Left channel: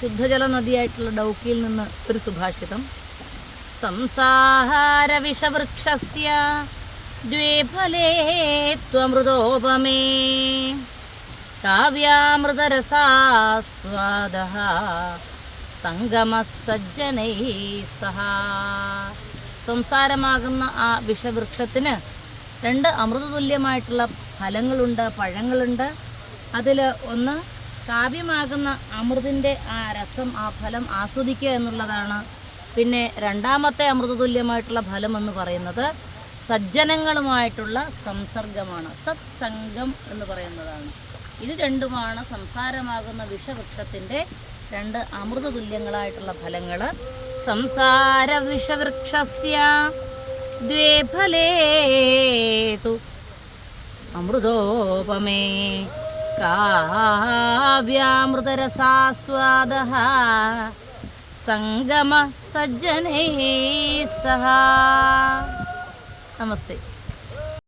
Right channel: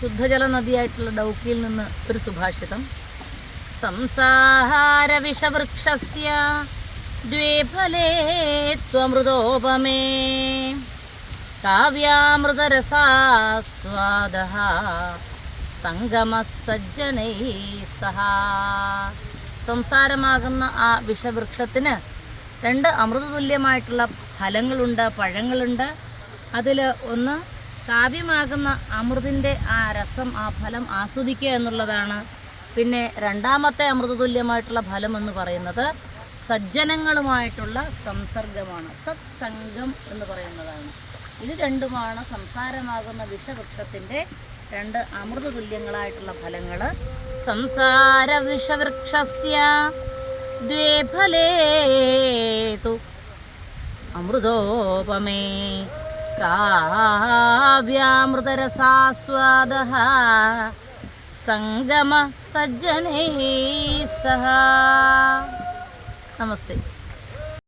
ശുദ്ധജല നദിയായിട്ടുള്ള ഡൗക്കിയിൽ നിന്ന് ഒരു സുഭാഷിതം. സംസാര വിഷവൃക്ഷസ്യ ദ്വേഫലേ ത്വമൃതോപമേ കാവ്യാമൃതരസാസ്വാദഃ സംഗമസജ്ജനൈഃ സഹ. സംസാരമാകുന്ന ആ വിഷവൃക്ഷത്തിന് 2 അമൃതതുല്യമായിട്ടുള്ള ഫലങ്ങളുണ്ട്, പഴങ്ങളുണ്ട്. അതിൽ ഒന്ന് കാവ്യമാകുന്ന അമൃതിൻ്റെ ആ രസം, ആ ഫലം ആസ്വദിക്കുക എന്നുള്ളതാണ്. പിന്നെ രണ്ടാമത്തെ അമൃതതുല്യമായിട്ടുള്ള ഫലം എന്ന് പറയുന്നത് സജ്ജനങ്ങളുമായിട്ടുള്ള സംസർഗമാണ്, സത്സംഗം എന്ന് പറയുന്നതാണ്. ഇത് രണ്ടുമാണ് സംസാരമാകുന്ന വിഷവൃക്ഷത്തിൻ്റെ 2 അമൃതതുല്യങ്ങളായിട്ടുള്ള ഫലങ്ങൾ. സംസാര വിഷവൃക്ഷസ്യ ദ്വേ ഫലേ തു അമൃതോപമേ കാവ്യാമൃതരസാസ്വാദഃ സംഗമ സജ്ജനൈഃ സഹ. നമസ്തേ.